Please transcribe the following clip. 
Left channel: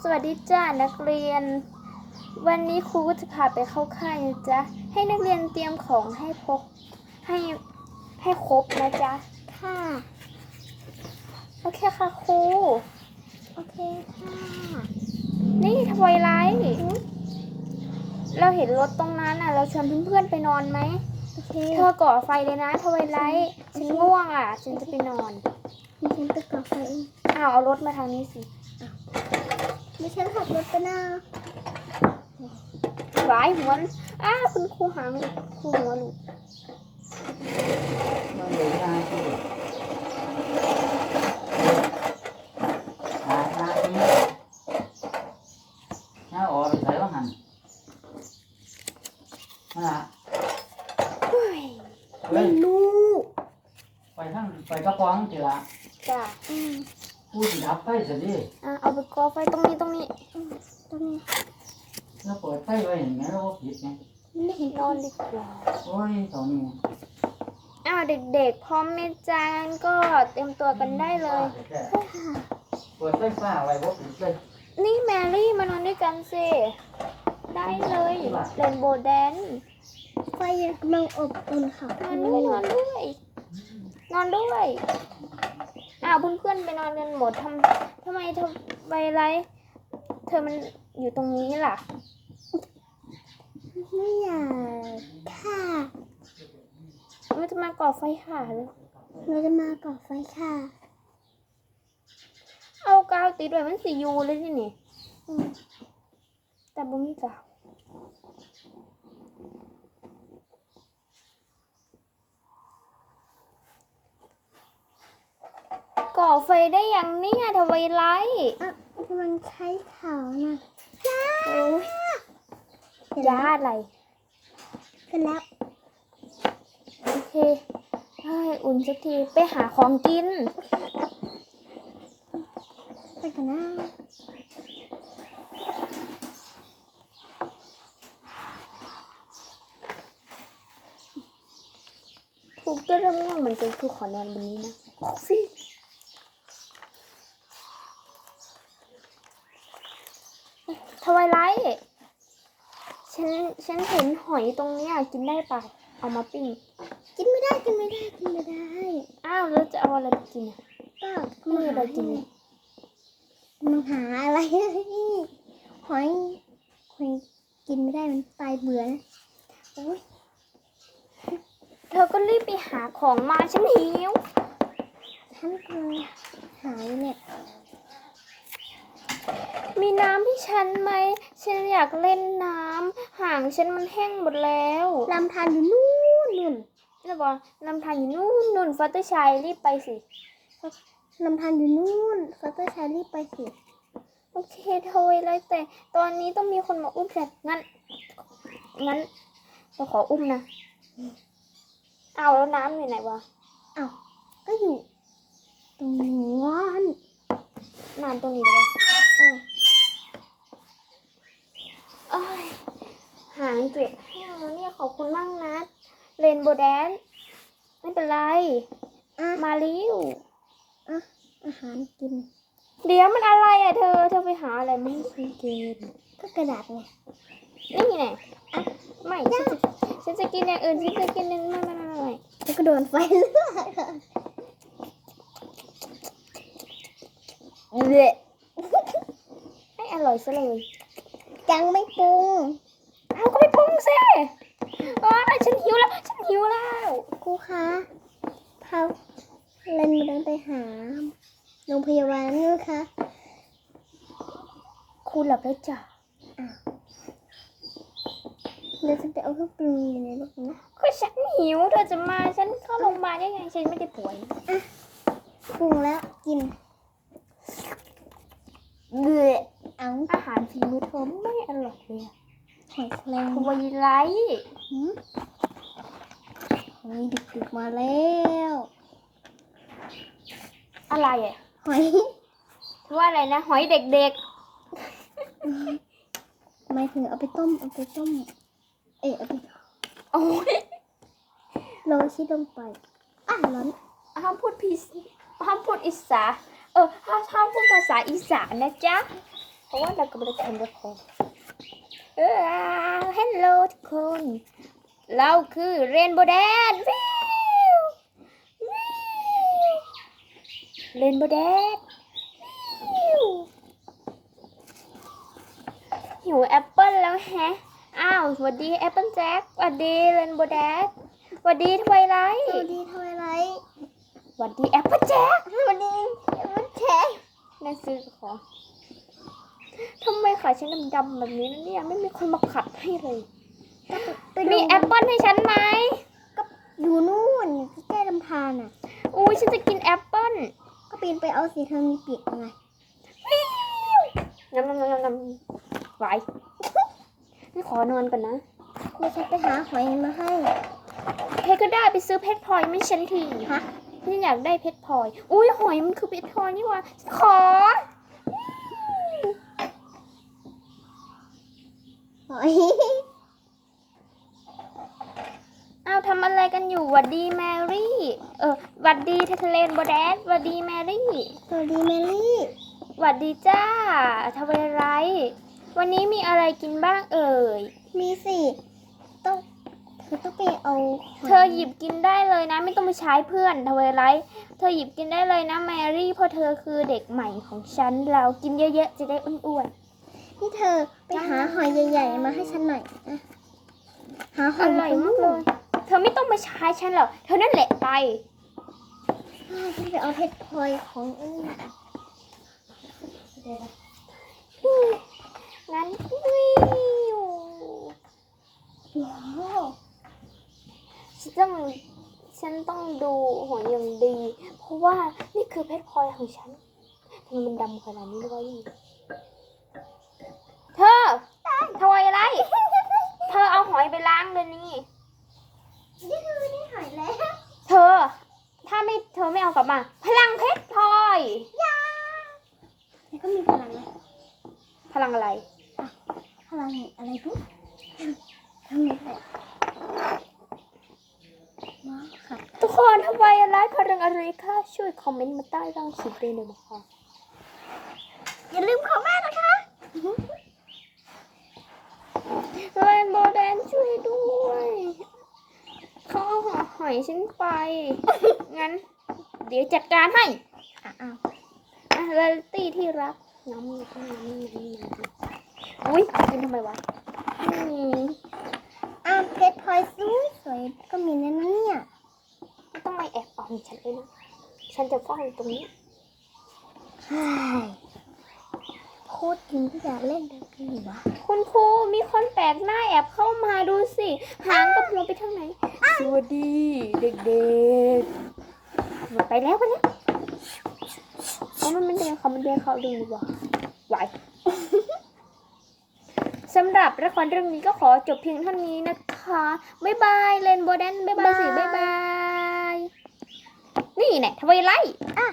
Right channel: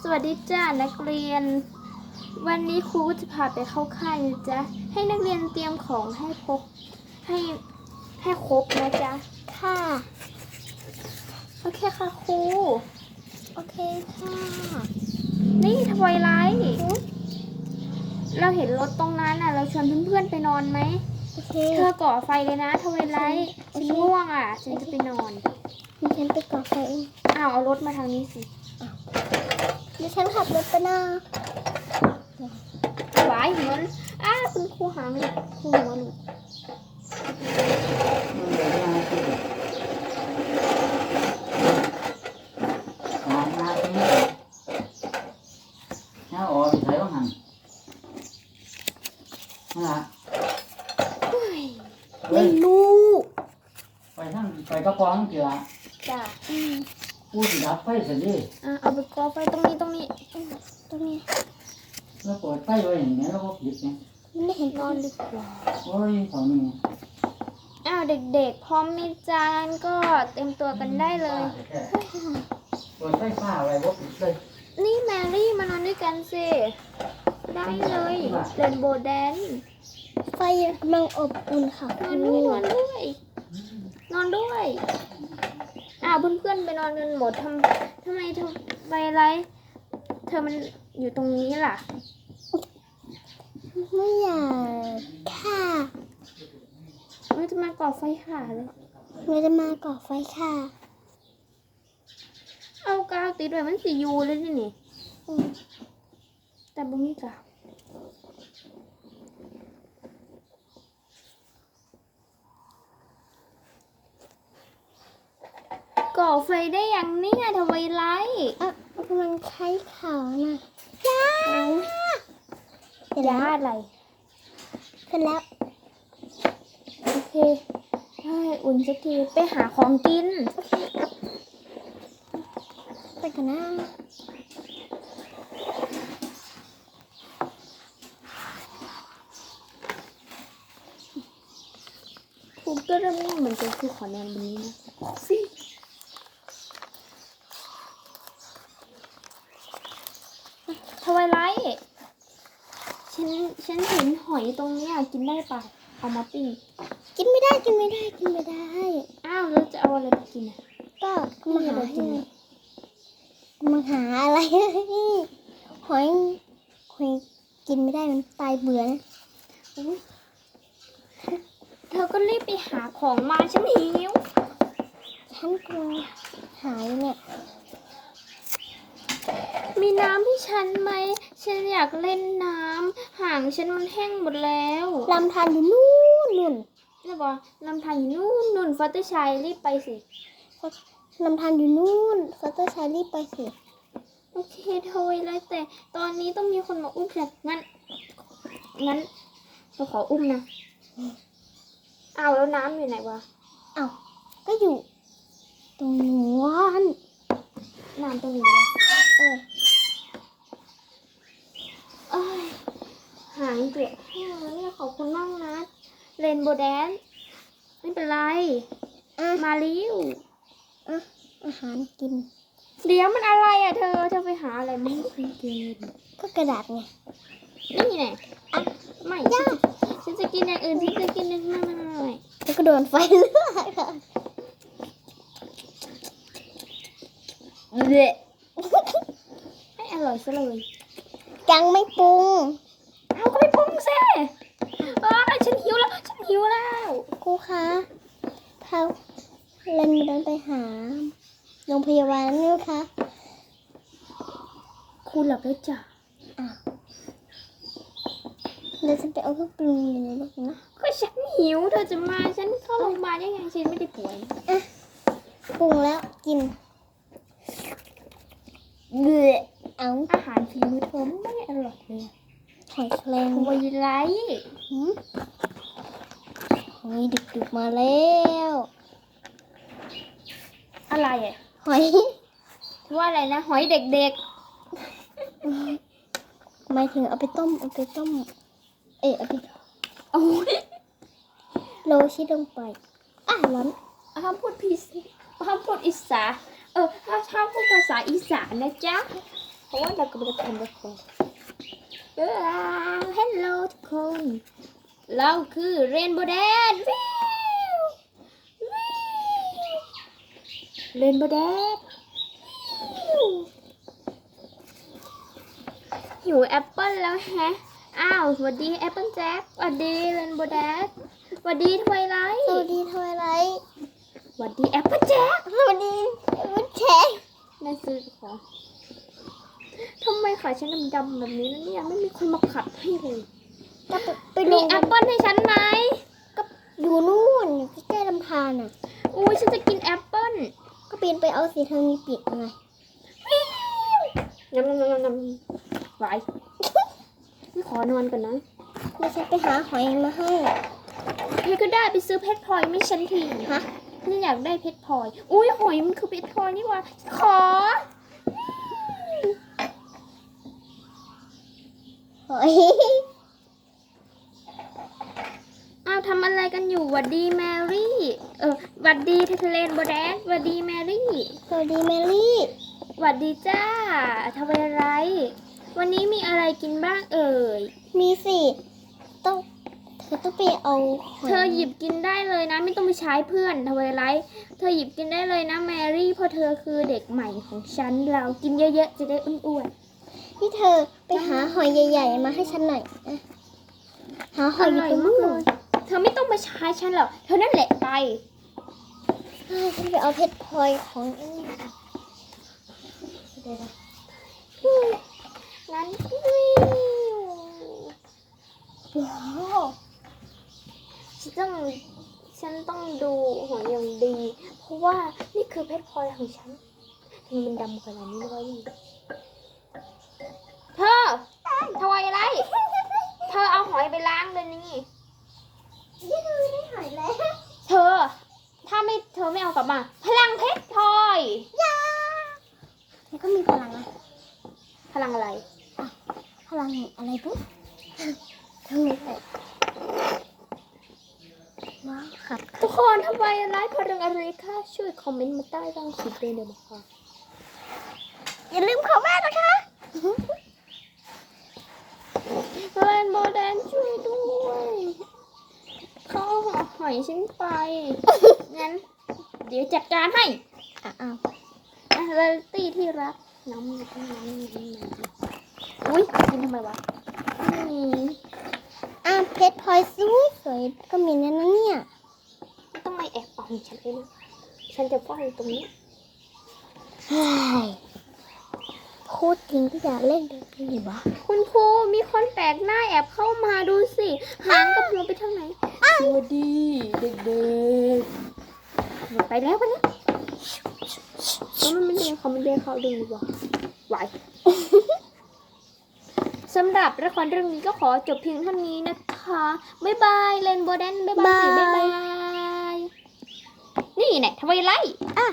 สวัสดีจ้านักเรียน วันนี้ครูก็จะพาไปเข้าค่ายนะจ๊ะ ให้นักเรียนเตรียมของให้พกให้ให้ครบนะจ๊ะ ค่ะโอเคค่ะครูโอเคค่ะนี่ทวายไลท์เราเห็นรถตรงนั้นอะ เราชวนเพื่อนๆไปนอนไหมโอเคเธอก่อไฟเลยนะทวายไลท์ฉันง่วงอะฉันจะไปนอนดิฉันไปก่อไฟเองอ้าวเอารถมาทางนี้สิ ดิฉันขับรถไปนะหวายหัวอ้าคุณครูหางครูหัวหลุดมันเด็กยาที่หาหน้าที่หน้าอ่อนใส่บ้างหันมาเฮ้ยเฮ้ยลูกไปทั้งไปกระป๋องเถอะจ้ะอืมกูสิดับไฟสิดิอะ เอาไปก่อไฟตรงนี้ตรงนี้ ตรงนี้แล้วเปิดไฟไว้อย่างเงี้ยแล้วก็ผิดไงไม่เห็นนอนดีกว่าโอ้ยสองนี่อ้าวเด็กๆพร้อมไหมจานก็เตรียมตัวกันได้เลย เปิดไฟฟ้าไว้ว่าผิดเลยนี่แมรี่มานอนด้วยกันสิ ได้เลยเรนโบว์แดนไฟกำลังอบอุ่นค่ะนอนด้วยนอนด้วยนอนด้วยอ้าวเพื่อนๆไปนอนกันหมดทำทำไม เธอไปไร เธอมันอยู่ตรงนี้ล่ะ ไม่อยากค่ะมันจะมาก่อไฟค่ะเลยเราจะมาก่อไฟค่ะ เอากาวติดไว้มันสิอยูเลยนี่นี่อืมแต่บ่มีกา อไฟได้อย่างเนี้ทำไมไลท์อะกำลังใช้เขานะจ้าเสร็จยาแล้วอะไรเสร็จแล้ว โอเคเฮ้ยอุ่นสักที ไปหาของกิน ไปกันนะถูกตัวเรื่องง่วงเหมือนกันคือขอนอนบนนี้นะสิทวายไลท์ ฉันฉันเห็นหอยตรงเนี้ยกินได้ปะเอามาปิ้งกินไม่ได้กินไม่ได้กินไม่ได้ อ้าวแล้วจะเอาอะไรไปกินอะก็ไม่มามีหาอะไรกินให้มาหาอะไรหอยหอยกินไม่ได้มันตายเบื่อนะอุ๊ยเธอก็รีบไปหาของมาฉันหิวฉันกำลังหาอยู่เนี่ยมีน้ำให้ฉันไหม ฉันอยากเล่นน้ำห่างฉันมันแห้งหมดแล้วลำธารอยู่นู่นนู่นแล้วบอกลำธารอยู่นู่นนู่นฟัตเตอร์ชัยรีบไปสิลำธารอยู่นู่นฟอเตอร์ชารีบไปสิโอเคโทยเลยแต่ตอนนี้ต้องมีคนมาอุ้มฉันงั้นงั้นเราขออุ้มนะเอาวแล้วน้ำอยู่ไหนวะเอ้าก็อยู่ แดน ไม่เป็นไรอะมาเริวอะอาหารกินเลี้ยงมันอะไรอะเธอ เธอไปหาอะไรไม่เคยกินก็กระดาษไง นี่ไงอะไม่ฉันจะฉันจะกินอย่างอื่นฉันจะกินนึงไม่ไม่ไม่ไม่แล้วก็โดนไฟเลือดเละให้อร่อยซะเลยยังไม่ปรุง เอาก็ไปปรุงซิ เออฉันหิวแล้ว ฉันหิวแล้วครูคะพาเรนมาเดินไปหาโรงพยาบาลนะคะคุณหลับแล้วจ้ะเดี๋ยวฉันไปเอาเครื่องปรุงอยู่ในรถนะก็ฉันหิวเธอจะมาฉันเข้าโรงพยาบาลได้ไงฉันไม่ได้ป่วยปรุงแล้วกินเบื่อเอาอาหารฝีมือเธอไม่อร่อยเลยหอยแครงทวายไลท์ หืมหอยดึกๆมาแล้ว อะไรอะหอยเธอว่าอะไรนะ หอยเด็กหมายถึงเอาไปต้ม เอาไปต้ม เอ๊ะเอาไปๆโอ้ยโรยชีสลงไป อะร้อนห้ามพูดพีห้ามพูดอิสาเออถ้าชอบพูดภาษาอีสานนะจ๊ะ เพราะว่าเรากำลังทำละครเออเฮลโลทุกคน เราคือเรนโบว์แดนวิววิวเรนโบว์แดนวิวหิวแอปเปิ้ลแล้วแฮะ อ้าวสวัสดีแอปเปิ้ลแจ็คสวัสดีเรนโบว์แดนสวัสดีทวายไลท์สวัสดีทวายไลท์สวัสดีแอปเปิ้ลแจ็คสวัสดีวุ้นเค้กนั่นซื้อของทำไมขาฉันดำๆแบบนี้นะเนี่ยไม่มีคนมาขับให้เลย ก็ไปไปมีดูแอปเปิ้ลให้ฉันไหมอยู่นู่นใกล้ๆลำธารน่ะอุ้ยฉันจะกินแอปเปิ้ลก็ปีนไปเอาสีเธอมีปิดไงยำยำยำยำยำไหวไม่ขอนอนก่อนนะเดี๋ยวฉันไปหาหอยมาให้เพชรก็ได้ไปซื้อเพชรพลอยไม่ฉันทีฮะนี่อยากได้เพชรพลอย อุ้ยหอยมันคือเพชรพลอยนี่หว่าขอหอย อ้าวทำอะไรกันอยู่ห วัดดีแมรี่ เออหวัดดีเทเลนโบแดดหวัดดีแมรี่สวัสดีแมรี่หวัดดีจ้าทำอะไร วันนี้มีอะไรกินบ้างเอ่ย มีสิต้องเธอต้องไปเอาหอยเธอหยิบกินได้เลยนะ ไม่ต้องไปใช้เพื่อนทำอะไร เธอหยิบกินได้เลยนะแมรี่เพราะเธอคือเด็กใหม่ของฉัน เรากินเยอะๆจะได้อ้วนนี่เธอไปหาหอยใหญ่ ๆ มาให้ฉันหน่อยนะหาๆหอยอยู่ตรงนู้นเลยเธอไม่ต้าใช้ฉันหรอกเธอนั่นแหละไปใช่ฉันไปเอาเพชรพลอยของไอ้นี่มาเดี๋ยวนะงั้นวิวว้าวฉันต้องฉันต้องดูหอยอย่างดี เพราะว่านี่คือเพชรพลอยของฉันทำไมมันดำขนาดนี้ไม่รู้เธอทำอะไร เธอเอาหอยไปล้างเลยนี่ นี่เธอได้หอยแล้วเธอ ถ้าไม่เธอไม่เอากลับมา พลังเพชรพลอยยาแล้วก็มีพลังนะพลังอะไร พลังแห่งอะไรปุ๊บทำอะไรว้าวครับทุกคนทำไมอะไรพลังอะไรคะช่วยคอมเมนต์มาใต้ล่างคลิปด้วยเลยนะคะอย่าลืมของแม่นะคะเรนโบว์แดนช่วยด้วย เขาเอาหอยฉันไป งั้น เดี๋ยวจัดการให้อะเอาอะเรลตี้ที่รักน้ำน้ำน้ำน้ำน้ำอุ้ยกินทำไมวะอืมอะเพชรพลอยสวยสวยๆก็มีนั่นนะเนี่ยไม่ต้องมาแอบเอาของฉันเลยนะฉันจะเฝ้าอยู่ตรงนี้ เฮ้ยพูดจริงก็อยากเล่นแบบนี้วะ คุณครูมีคนแปลกหน้าแอบเข้ามาดูสิ หางกับหัวไปทางไหน สวัสดีเด็กๆ ไปแล้วไปแล้วแล้วมันไม่เดินเขามันเดินเขาดีวะไหวสำหรับละครเรื่องนี้ก็ขอจบเพียงเท่านี้นะคะ บ๊ายบาย เลนโบแดนบ๊ายบายสิบ๊ายบาย นี่แหละทวายไลท์อะ